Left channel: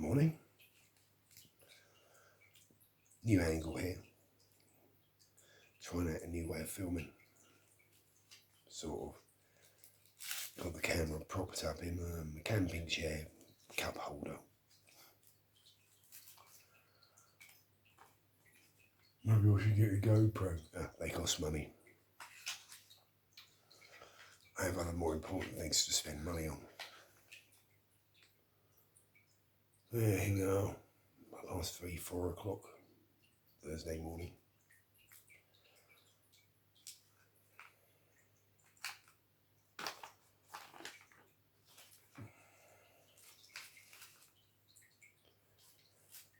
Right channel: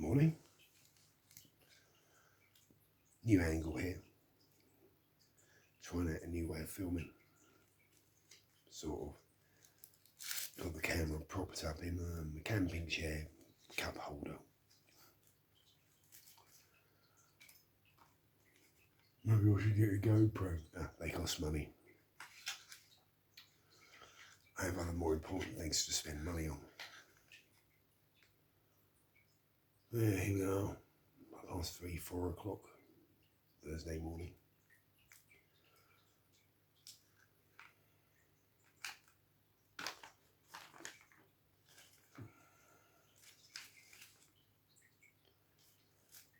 Morning. New angle here. Trying out a new way of filming. Sort of got the camera propped up in a camping chair cup holder. Maybe I should get a GoPro. They cost money. I have other more important things to spend money on. Yeah, here we are. Past 3-4 o'clock Thursday morning.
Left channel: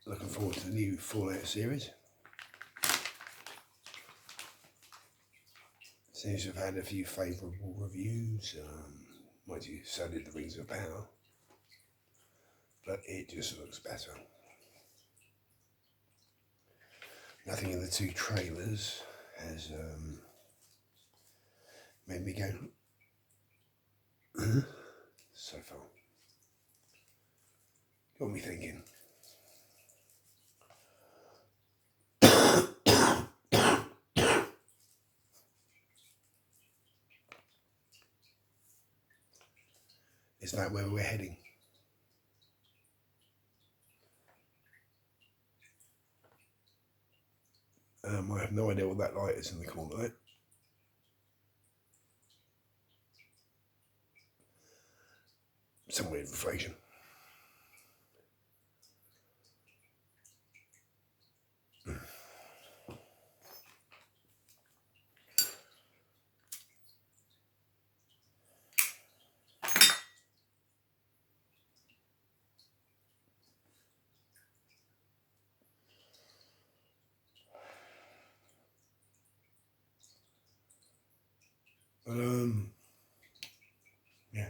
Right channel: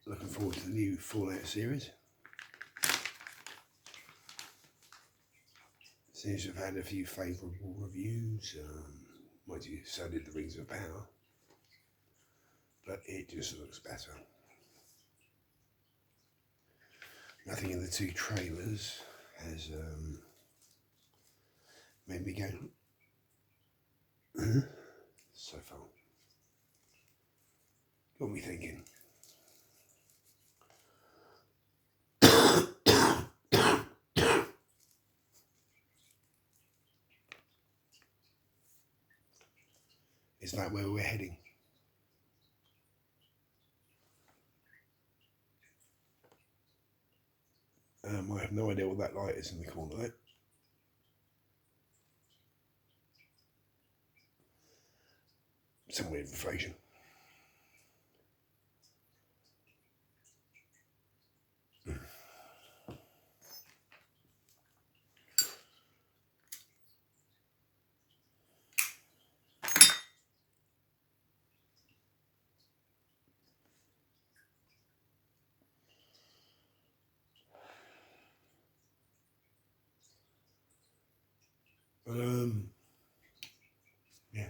Looking forward to the new Fallout series. Seems to have had a few favourable reviews. Mind you, so did the Rings of Power. But it just looks better. Nothing in the two trailers has made me go so far. Got me thinking. Is that where we're heading? I have no idea what that light is in the corner there. Some weird reflection. Yeah.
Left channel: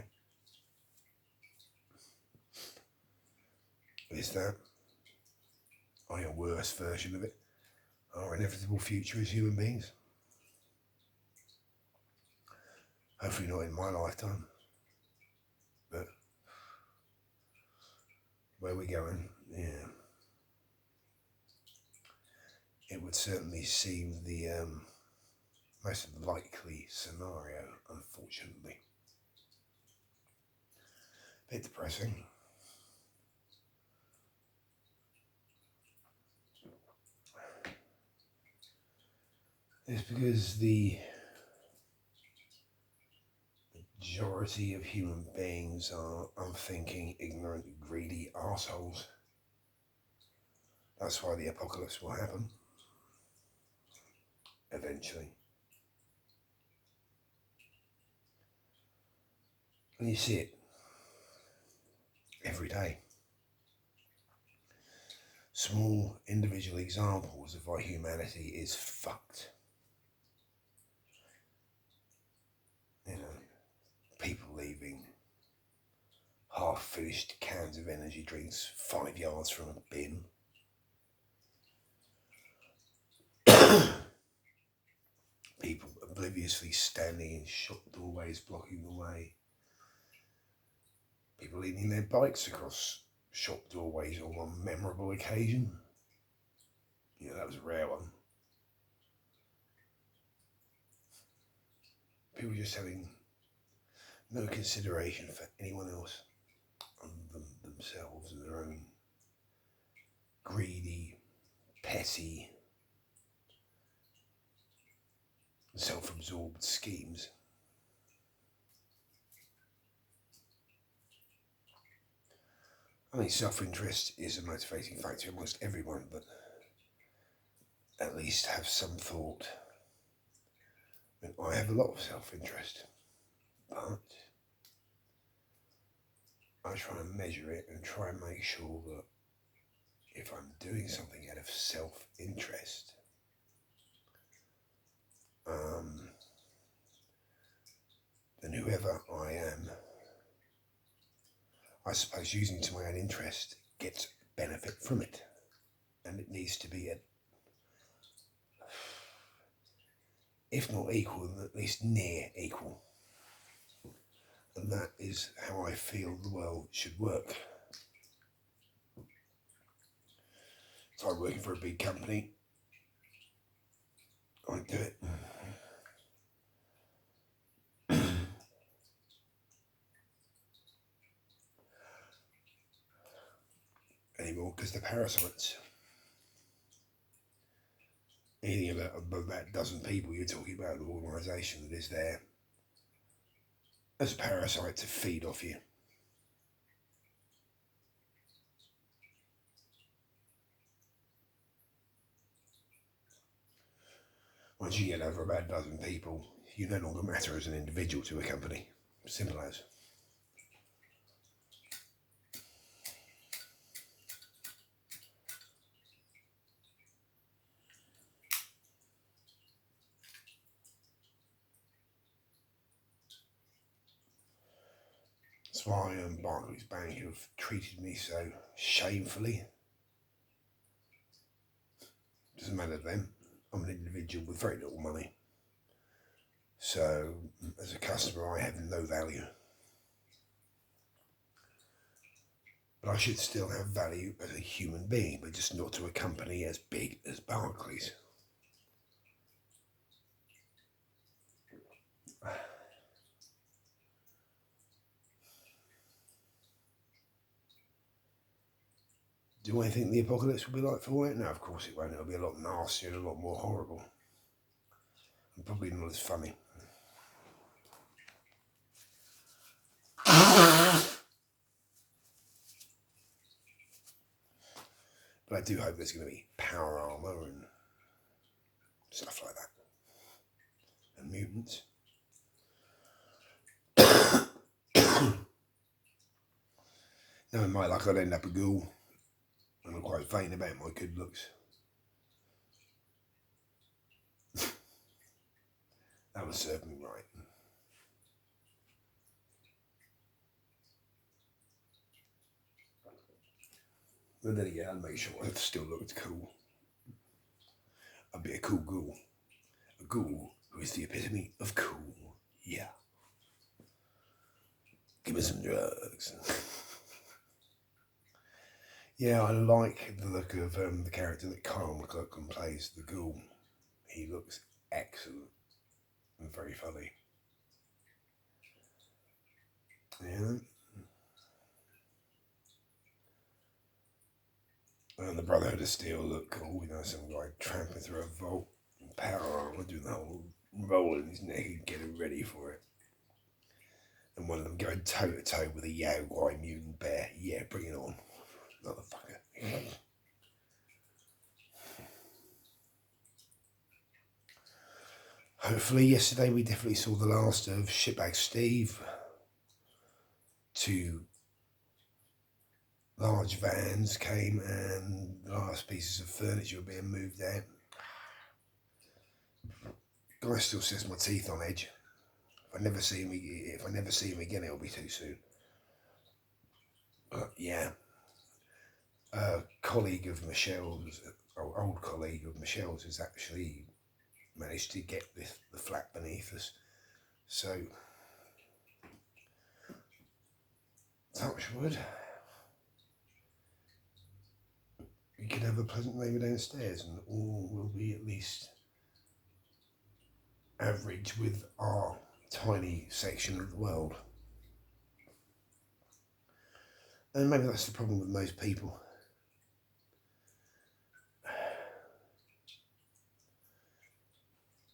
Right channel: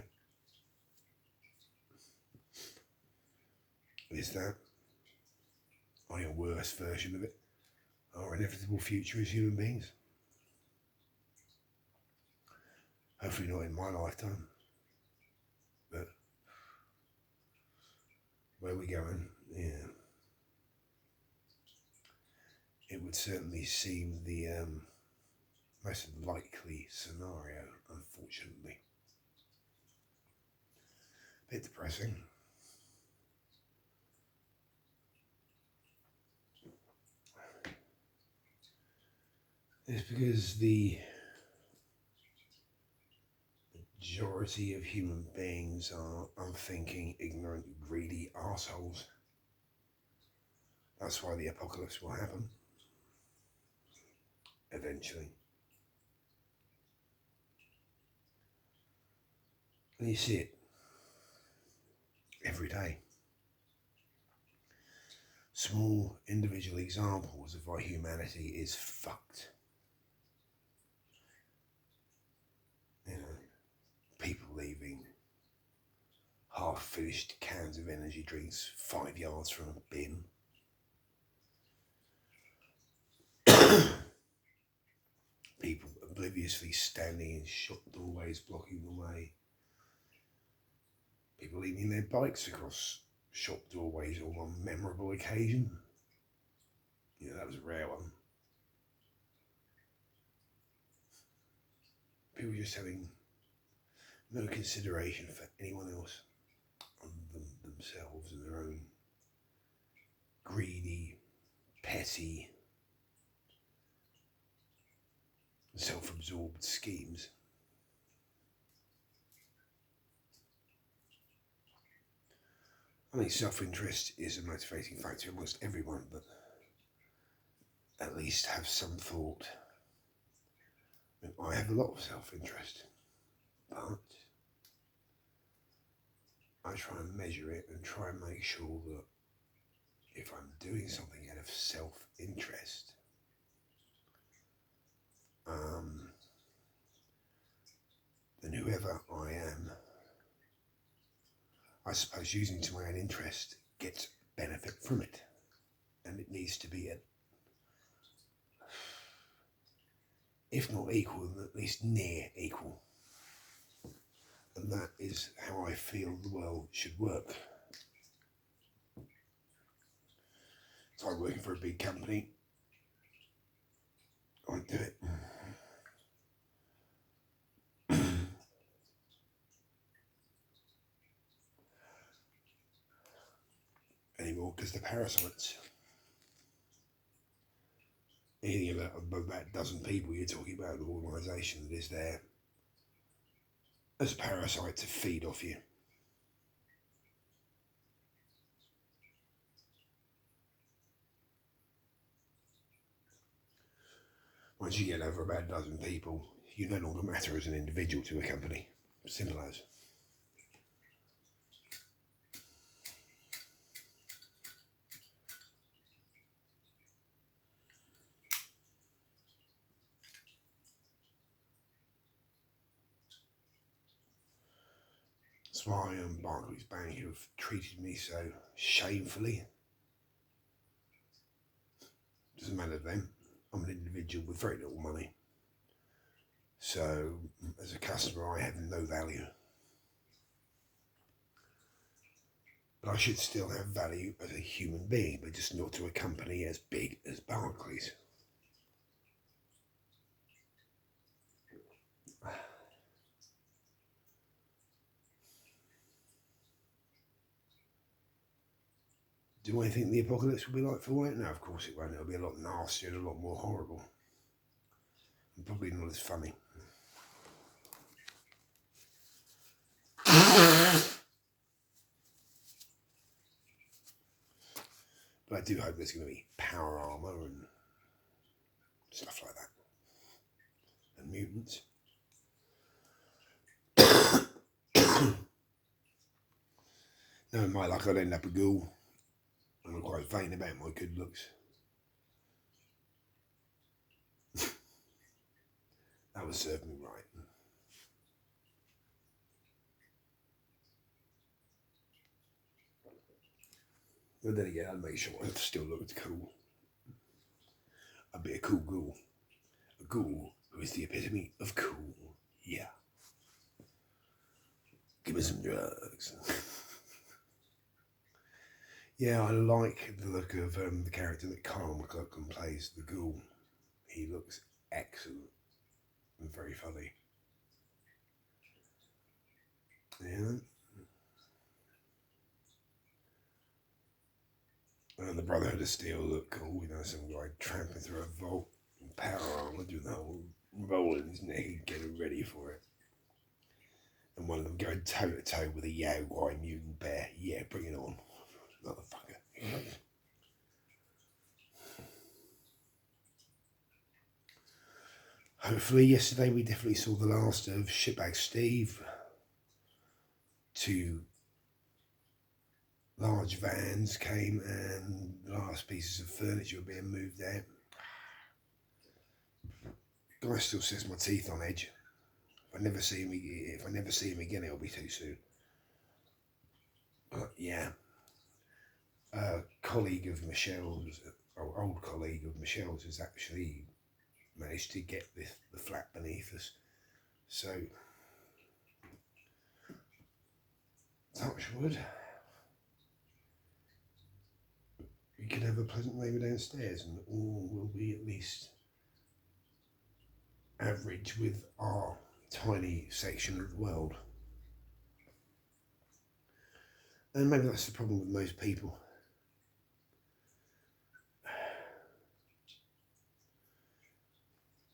Is that a worse version of it? Our inevitable future as human beings? Hopefully not in my lifetime. But where we're going, yeah. It would certainly seem the most likely scenario, unfortunately. A bit depressing. It's because the majority of human beings are unthinking, ignorant, greedy arseholes. That's why the apocalypse will happen. Eventually. And you see it every day. Small individual examples of why humanity is fucked. You know, people leaving half-finished cans of energy drinks 5 yards from a bin. People obliviously standing in shop doorways blocking the way. People leaning their bikes across shop doorways on one memorable occasion. Yeah, that was a rare one. People just having no consideration for anyone else other than themselves and their own greedy, petty, self-absorbed schemes. I think self-interest is a motivating factor in almost everyone, but at least have some thought. I have a lot of self-interest, but I try and measure it and try and make sure that if I'm doing something out of self-interest, then whoever I am, I suppose using to my own interest, gets benefit from it. And it needs to be, if not equal, then at least near equal. And that is how I feel the world should work. If I'm working for a big company, I'd do it. Anymore, because the parasites, anything about above that dozen people, you're talking about an organisation that is there as a parasite to feed off you. Once you get over about a dozen people, you no longer matter as an individual to a company. Simple as. That's why Barclays Bank have treated me so shamefully. Doesn't matter to them. I'm an individual with very little money. So, as a customer, I have no value. But I should still have value as a human being, but just not to a company as big as Barclays. Do I think the apocalypse will be like for white? No, of course it won't. It'll be a lot nastier and a lot more horrible. And probably not as funny. But I do hope there's going to be power armour and stuff like that. And mutants. Knowing my luck, I'd end up a ghoul. And I'm quite vain about my good looks. That would serve me right. But then again, I'd make sure I still looked cool. I'd be a cool ghoul. A ghoul who is the epitome of cool. Yeah. Give me some drugs. Yeah, I like the look of the character that Kyle MacLachlan plays, the ghoul. He looks excellent and very funny. Yeah. And the Brotherhood of Steel look cool, you know, some guy tramping through a vault in power armour, doing the whole roll in his neck and getting ready for it. And one of them going toe to toe with a Yaogwai mutant bear. Yeah, bring it on, motherfucker. Hopefully, yesterday we definitely saw the last of Shitbag Steve. 2 large vans came and the last pieces of furniture were being moved out. Guy still sets my teeth on edge. If I never see him again, it'll be too soon. But yeah, a colleague of Michelle's, old colleague of Michelle's, has actually managed to get the flat beneath us. So, touch wood. We can have a pleasant neighbour downstairs and all will be at least average with our tiny section of the world. And maybe that's the problem with most people.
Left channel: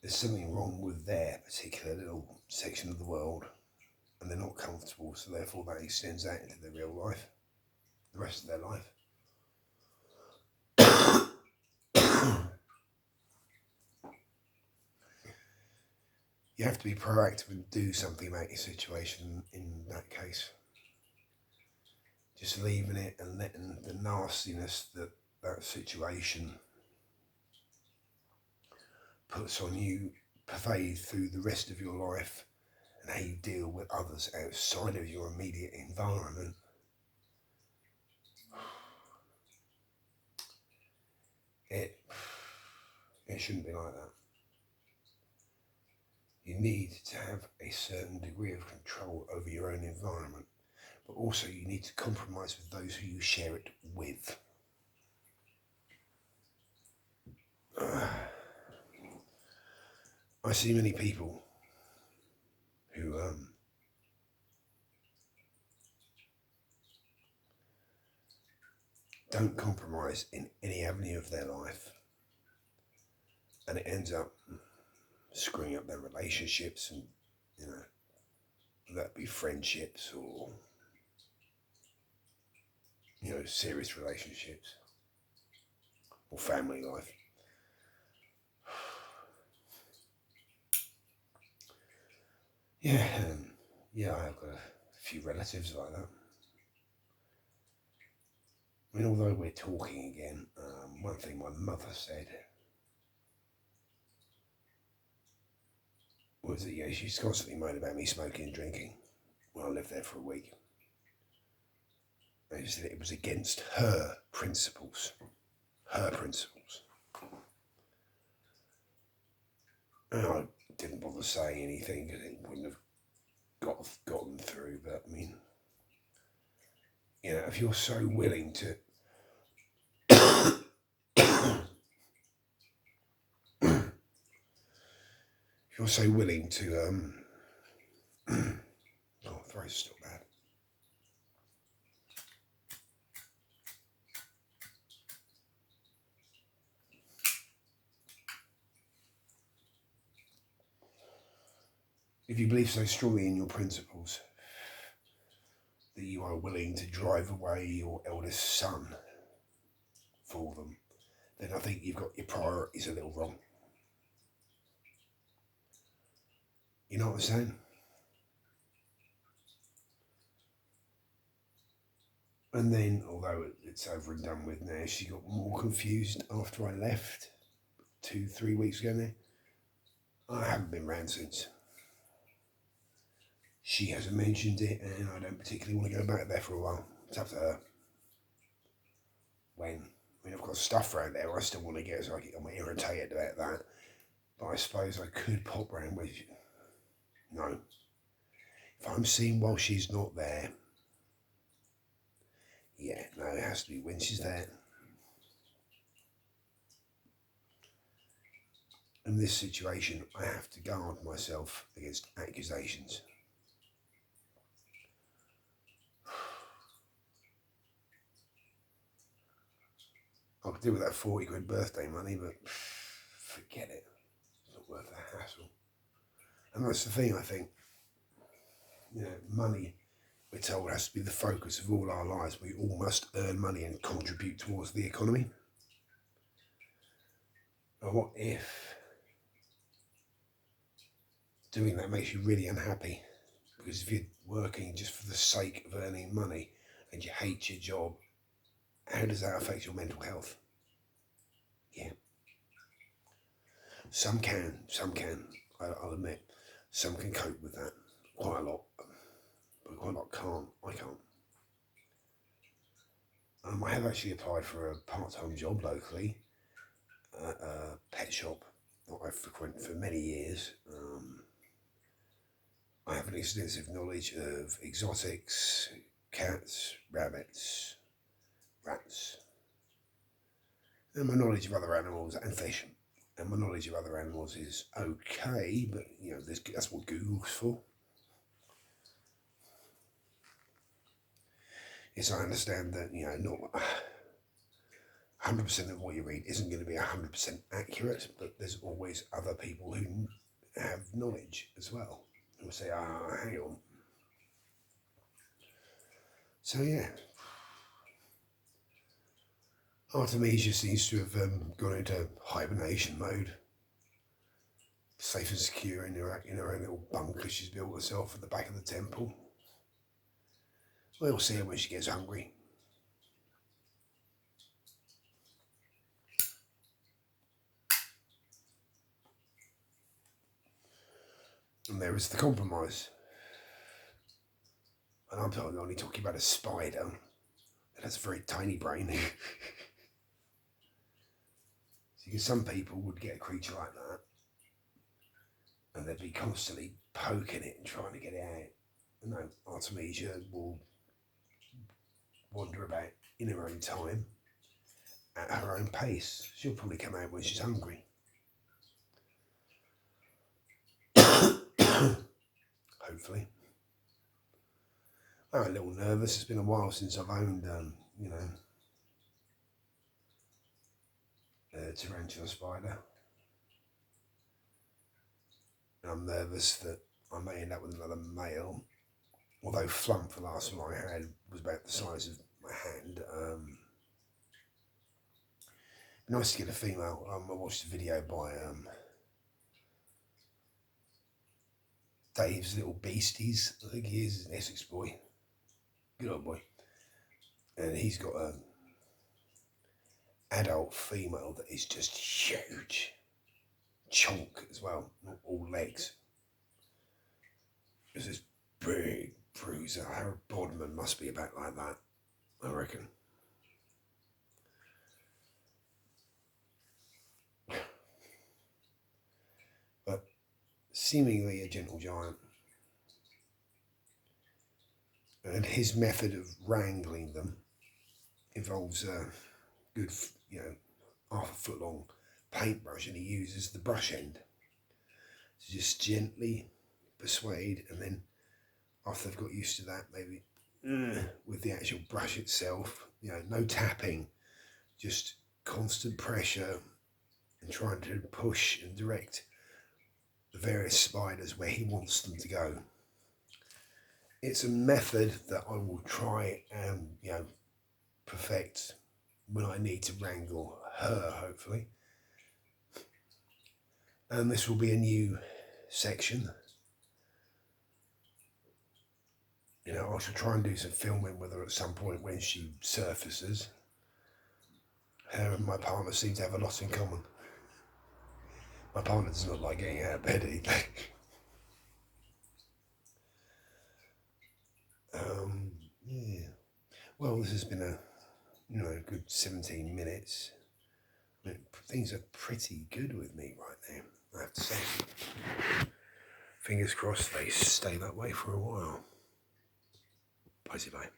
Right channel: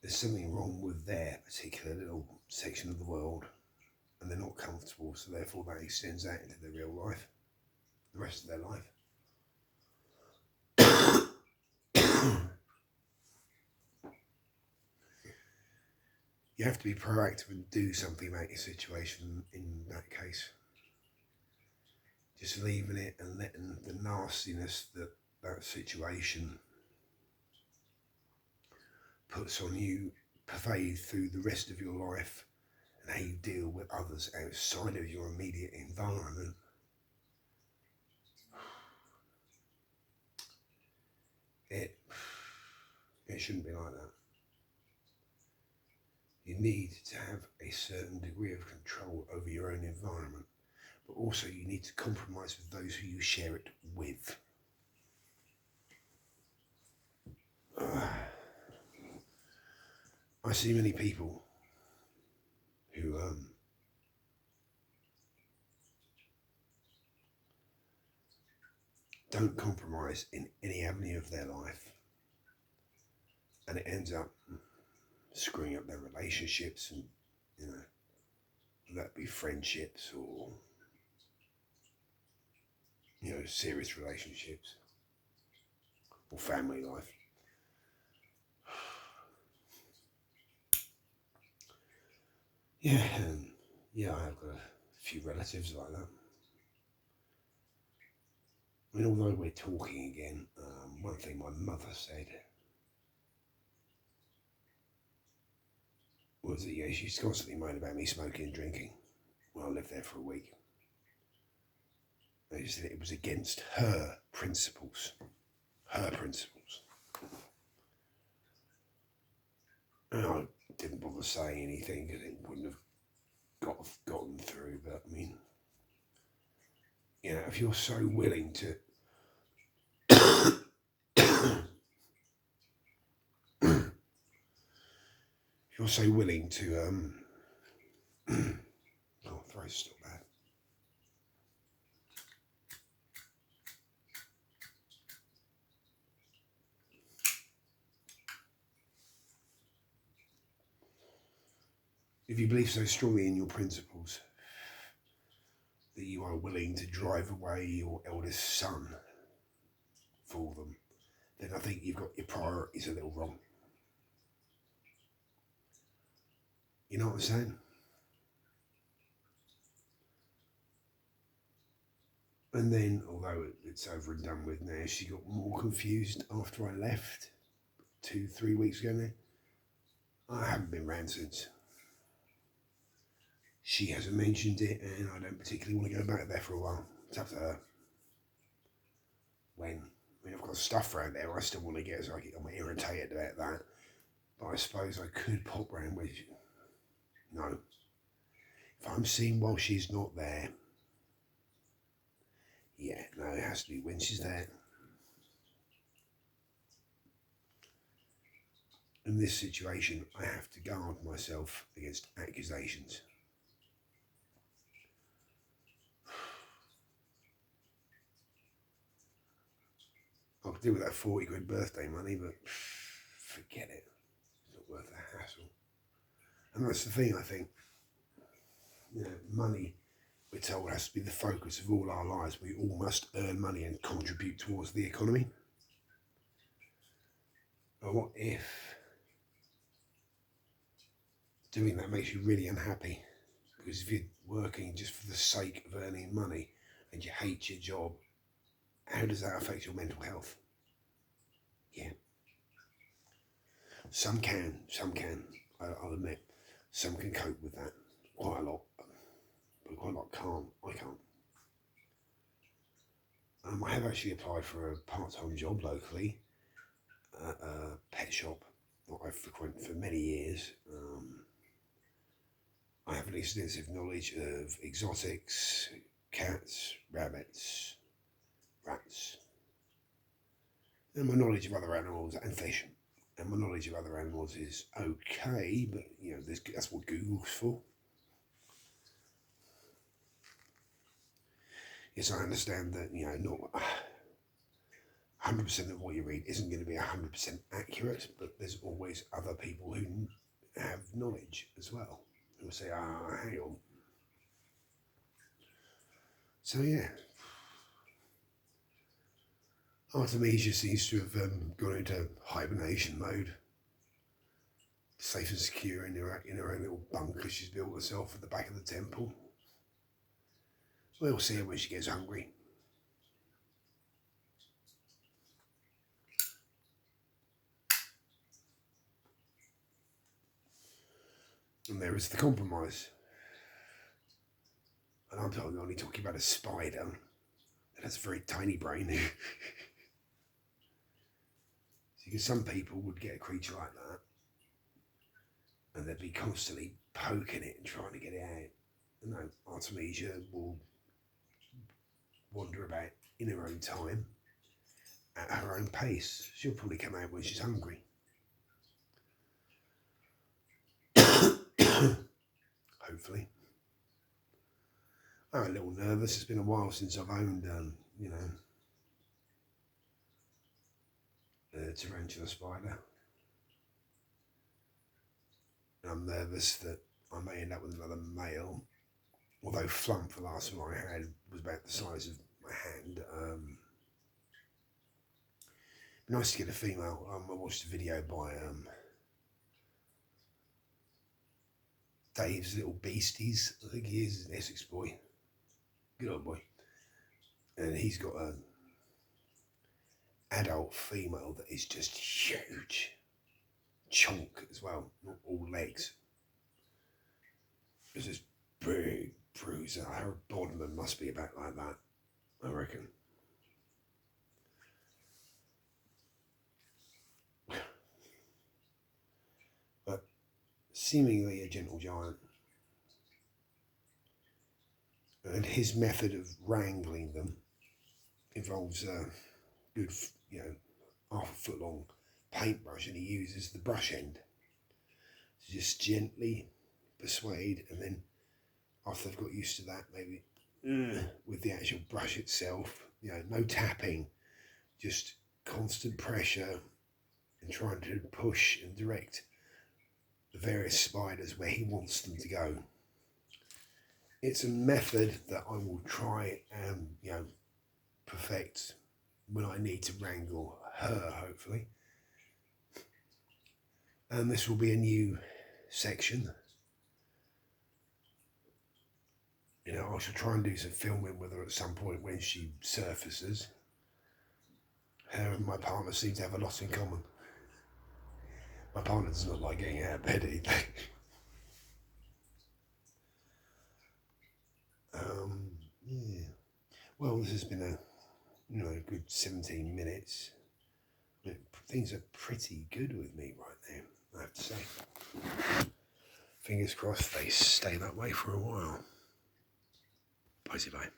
There's something wrong with their particular little section of the world and they're not comfortable, so therefore that extends out into their real life, the rest of their life. You have to be proactive and do something about your situation in that case. Just leaving it and letting the nastiness that situation puts on you pervade through the rest of your life and how you deal with others outside of your immediate environment. It shouldn't be like that. You need to have a certain degree of control over your own environment, but also you need to compromise with those who you share it with. I see many people who don't compromise in any avenue of their life, and it ends up screwing up their relationships, and that be friendships or serious relationships or family life. Yeah, I've got a few relatives like that. I mean, although we're talking again, one thing my mother said was that she's constantly moaned about me smoking and drinking when I lived there for a week. And she said it was against her principles. Her principles. And I didn't bother saying anything because it wouldn't have gotten through. But I mean, if you're so willing to if you're so willing to oh, throat's still bad. If you believe so strongly in your principles that you are willing to drive away your eldest son for them, then I think you've got your priorities a little wrong. You know what I'm saying? And then, although it's over and done with now, she got more confused after I left 2-3 weeks ago now. I haven't been round since. She hasn't mentioned it, and I don't particularly want to go back there for a while. It's up to her. I've got stuff around there I still want to get, so I'm irritated about that. But I suppose I could pop round with you. No. If I'm seen while she's not there, yeah, no, it has to be when she's there. In this situation, I have to guard myself against accusations. I could do with that 40 quid birthday money, but forget it. It's not worth the hassle. And that's the thing, I think. Money, we're told, has to be the focus of all our lives. We all must earn money and contribute towards the economy. But what if doing that makes you really unhappy? Because if you're working just for the sake of earning money and you hate your job, how does that affect your mental health? Yeah. Some can, I'll admit. Some can cope with that quite a lot, but quite a lot can't. I can't. I have actually applied for a part-time job locally at a pet shop that I've frequented for many years. I have an extensive knowledge of exotics, cats, rabbits, rats, and my knowledge of other animals and fish. And my knowledge of other animals is okay, but that's what Google's for. Yes, I understand that not 100% of what you read isn't going to be 100% accurate, but there's always other people who have knowledge as well, who will say, hang on. So yeah, Artemisia seems to have gone into hibernation mode, safe and secure in her own little bunker she's built herself at the back of the temple. We'll see her when she gets hungry. And there is the compromise. And I'm only talking about a spider that has a very tiny brain. Because some people would get a creature like that and they'd be constantly poking it and trying to get it out. No, Artemisia will wander about in her own time at her own pace. She'll probably come out when she's hungry. Hopefully. I'm a little nervous. It's been a while since I've owned, you know, a tarantula spider. And I'm nervous that I may end up with another male. Although Flump, the last one I had, was about the size of my hand. Nice to get a female. I watched a video by Dave's Little Beasties. I think he is an Essex boy. Good old boy. And he's got an adult female that is just huge. Chunk as well, not all legs. There's this big bruiser. Her Bodman must be about like that, I reckon. But seemingly a gentle giant. And his method of wrangling them involves a good, you know, half-a-foot long paintbrush, and he uses the brush end to just gently persuade, and then after they've got used to that, maybe with the actual brush itself, you know, no tapping, just constant pressure and trying to push and direct the various spiders where he wants them to go. It's a method that I will try and, you know, perfect when I need to wrangle her, hopefully. And this will be a new section. You know, I shall try and do some filming with her at some point when she surfaces. Her and my partner seem to have a lot in common. My partner does not like getting out of bed either. Yeah. Well, this has been a, you know, good 17 minutes. I mean, things are pretty good with me right now, I have to say. Fingers crossed they stay that way for a while. Bye-bye.